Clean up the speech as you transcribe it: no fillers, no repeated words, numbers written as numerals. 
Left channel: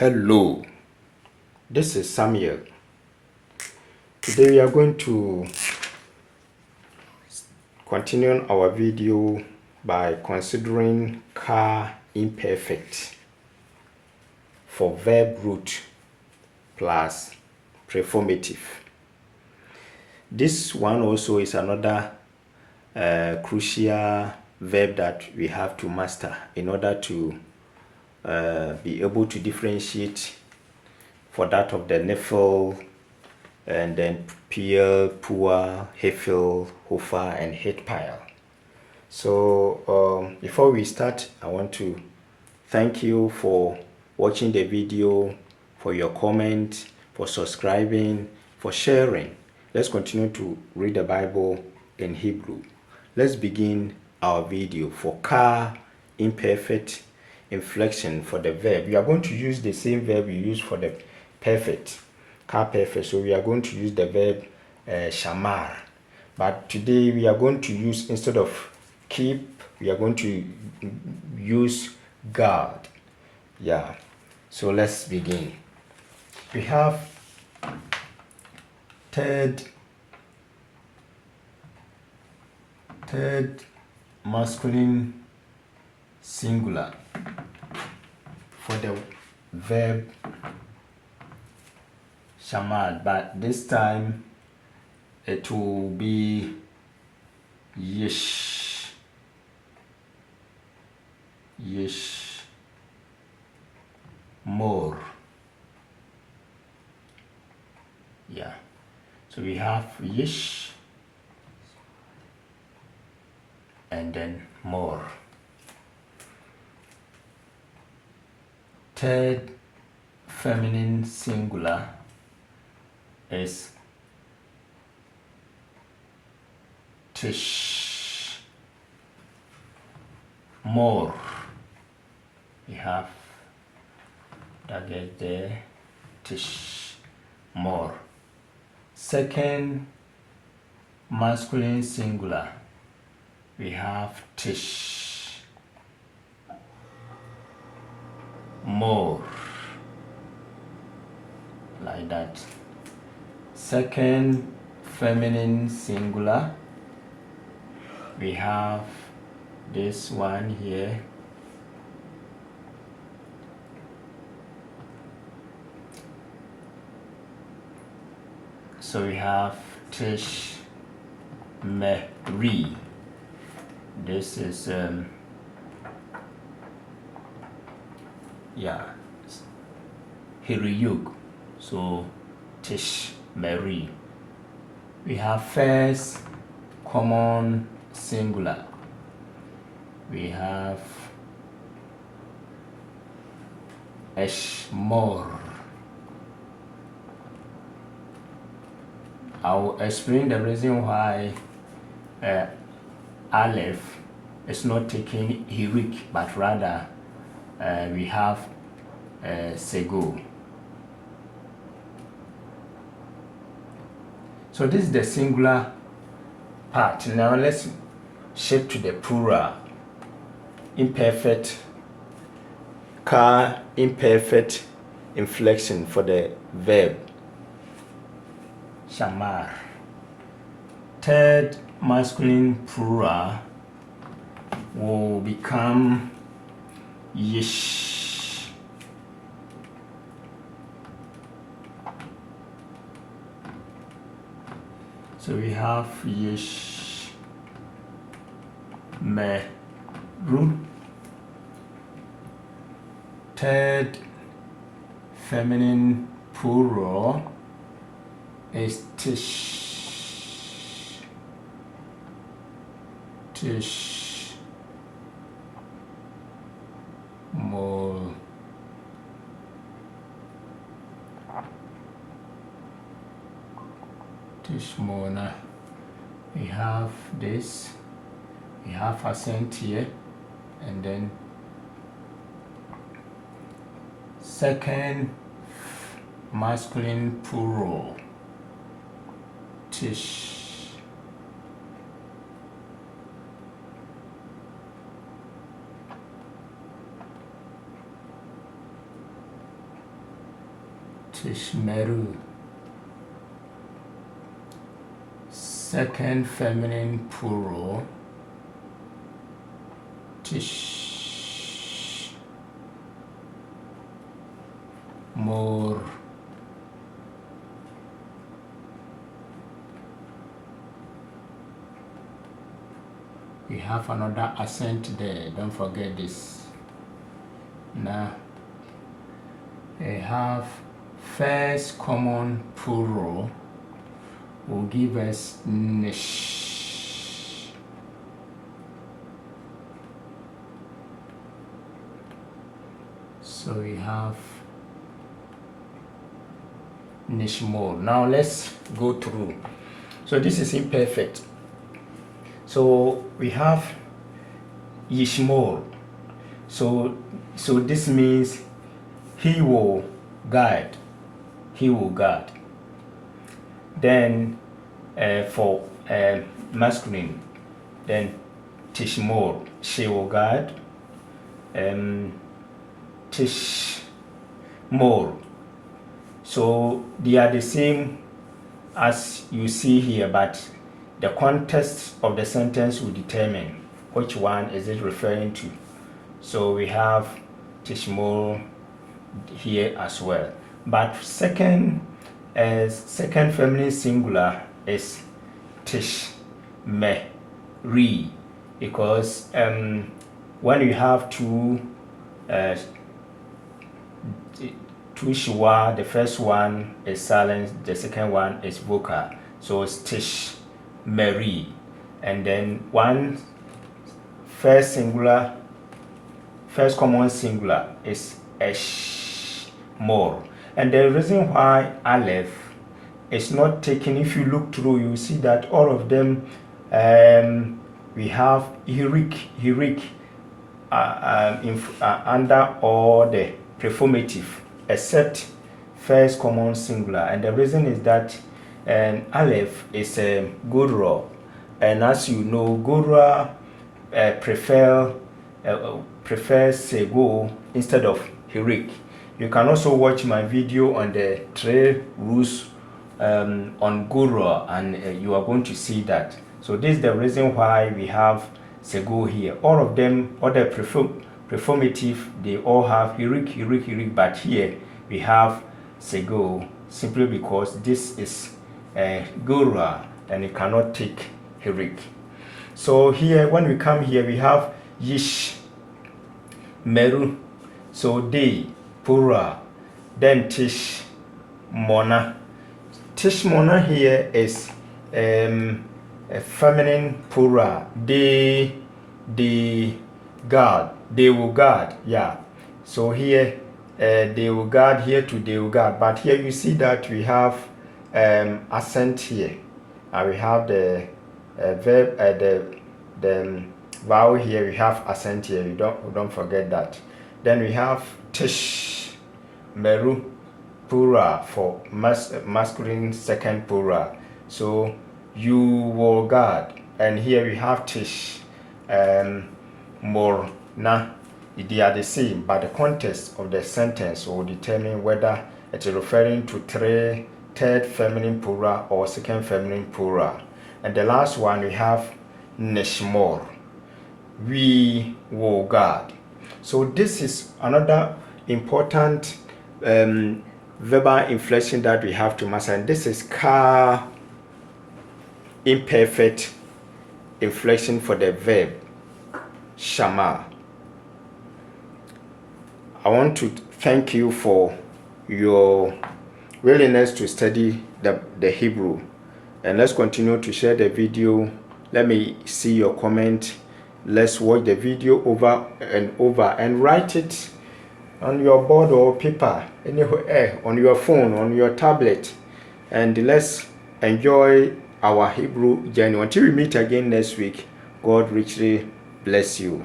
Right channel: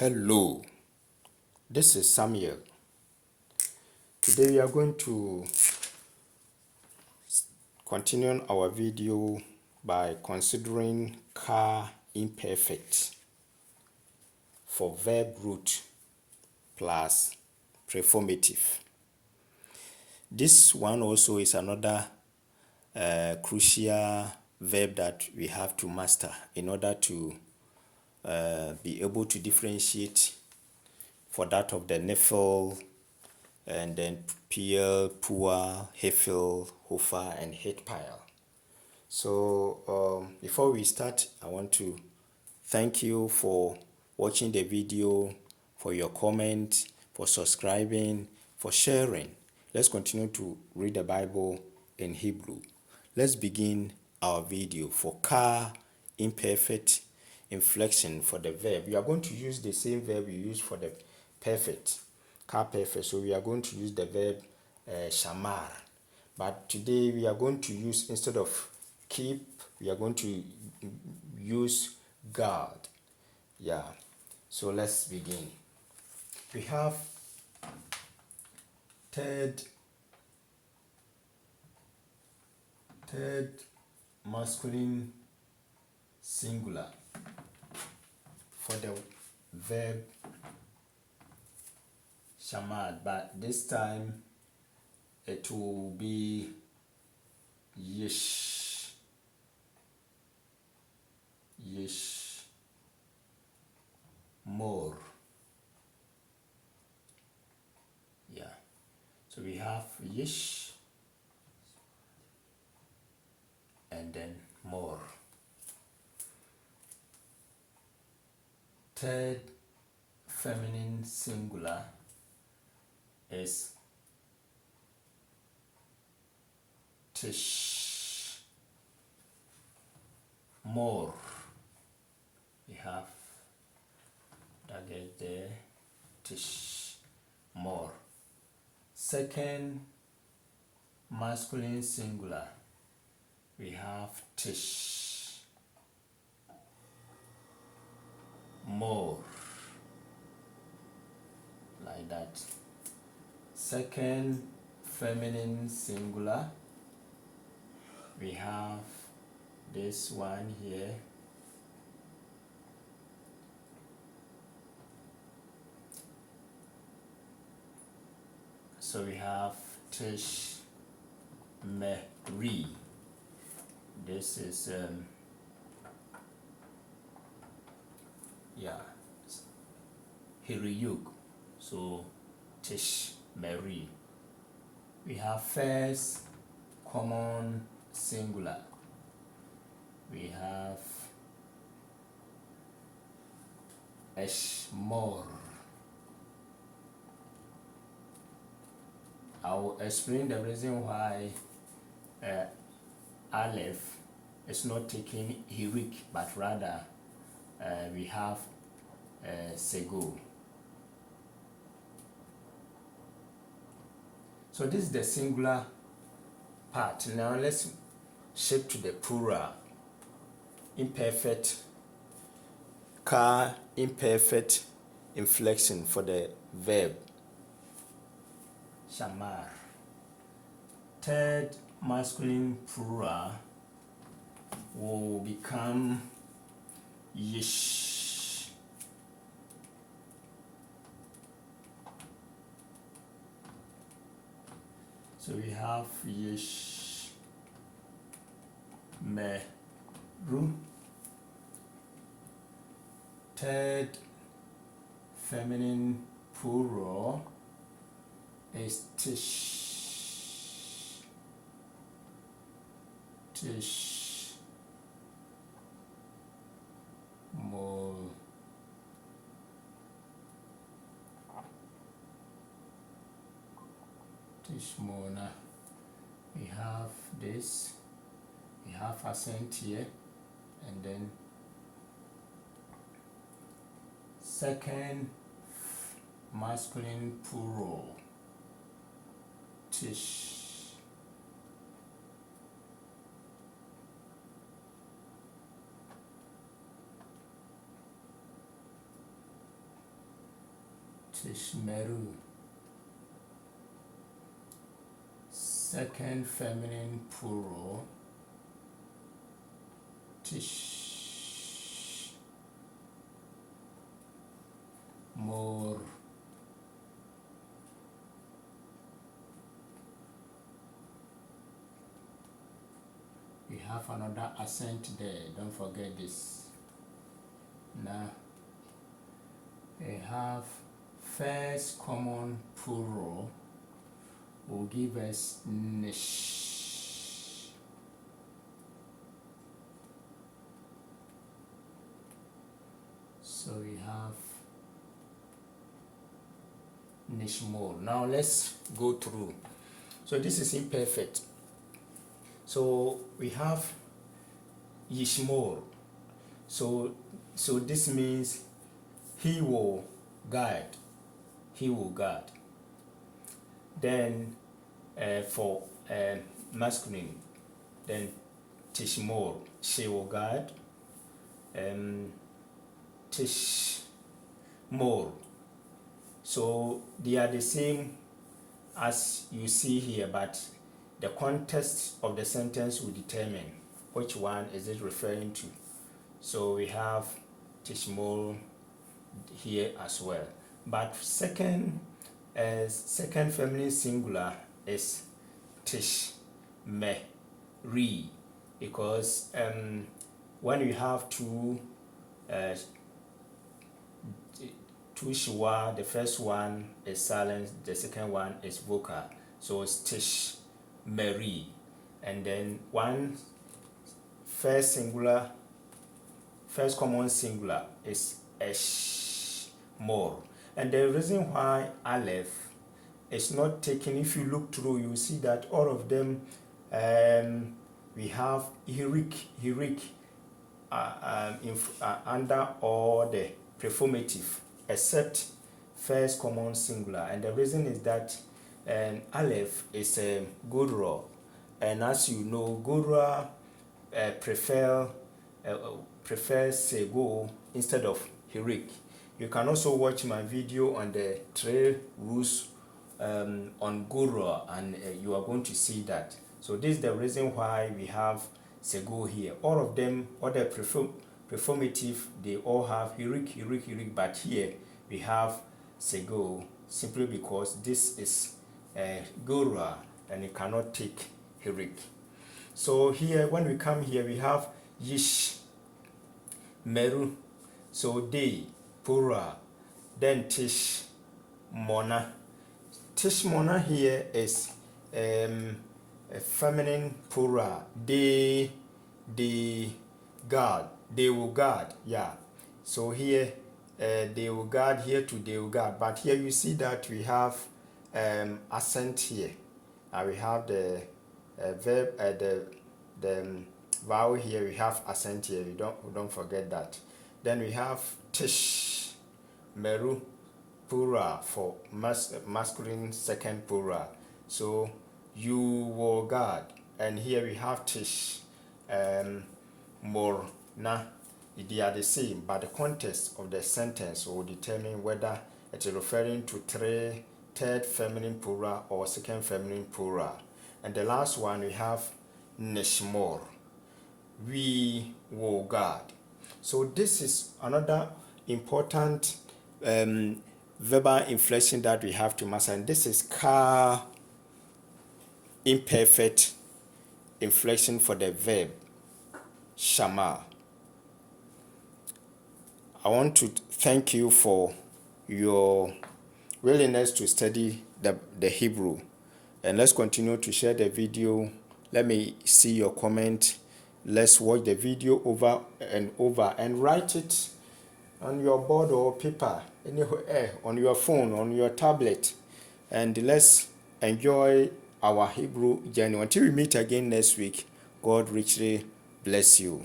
Hello, this is Samuel. Today we are going to continue our video by considering Qal Imperfect for verb root plus preformative. This one also is another crucial verb that we have to master in order to be able to differentiate for that of the Nifl and then Peel, Pua, Hefil, Hofa, and Hitpile. So before we start, I want to thank you for watching the video, for your comment, for subscribing, for sharing. Let's continue to read the Bible in Hebrew. Let's begin our video for Qal Imperfect inflection for the verb. We are going to use the same verb we use for the perfect, Qal Perfect. So we are going to use the verb shamar. But today we are going to use, instead of keep, we are going to use guard. Yeah. So let's begin. We have third masculine singular for the verb shamar, but this time it will be yish, more. Yeah, so we have yish and then more. Third feminine singular is tish, more. We have target there, tish, more. Second masculine singular, we have tish, more, like that. Second feminine singular, we have this one here, so we have tish, meri. This is hiriyuk, so tish, meri. We have first common singular, we have eshmor. I'll explain the reason why Aleph is not taking heroic, but rather we have sego. So this is the singular part. Now let's shift to the plural. Imperfect, Qal imperfect inflection for the verb shamar. Third masculine plural will become yish. So we have yish, meru. Third feminine plural is tish, more. Tishmona. We have this, we have accent here, and then second masculine plural, tish, Tishmeru. Second feminine plural, tish. More. We have another accent there, don't forget this. Now we have first common plural will give us nish. So we have nishmol. Now let's go through. So this is imperfect. So we have yishmol. So this means he will guide. He will guard. Then for masculine, then tishmol, she will guard. Tishmol. So they are the same as you see here, but the context of the sentence will determine which one is it referring to. So we have tishmol here as well. But second feminine singular is tishmeri, because when you have two shwa, the first one is silent, the second one is vocal. So it's tishmeri. And then one first common singular is eshmor. And the reason why aleph is not taken, if you look through, you see that all of them, we have hirik under all the preformative, except first common singular. And the reason is that aleph is a gurra, and as you know, gurra prefers sego instead of hirik. You can also watch my video on the 3 rules on gurra, and you are going to see that. So this is the reason why we have sego here. All of them, all the preformative, they all have hirik, but here we have sego simply because this is gurra and you cannot take hirik. So here, when we come here, we have yish, meru, so they, pura, then tish, mona. Tish mona here is a feminine pura. They guard, they will guard, yeah. So here they will guard, here to they will guard. But here you see that we have accent here. We have the verb, the vowel here, we have accent here. We don't forget that. Then we have tish, meru, pura for masculine second pura. So you will guard. And here we have tish, more, na. They are the same, but the context of the sentence will determine whether it is referring to third feminine plural or second feminine plural. And the last one we have nishmor, we will guard. So this is another important verbal inflection that we have to master, and this is Qal Imperfect inflection for the verb shama. I want to thank you for your willingness to study the Hebrew, and let's continue to share the video. Let me see your comment. Let's watch the video over and over and write it on your board or paper, anywhere, on your phone, on your tablet, and let's enjoy our Hebrew journey. Until we meet again next week, God richly bless you.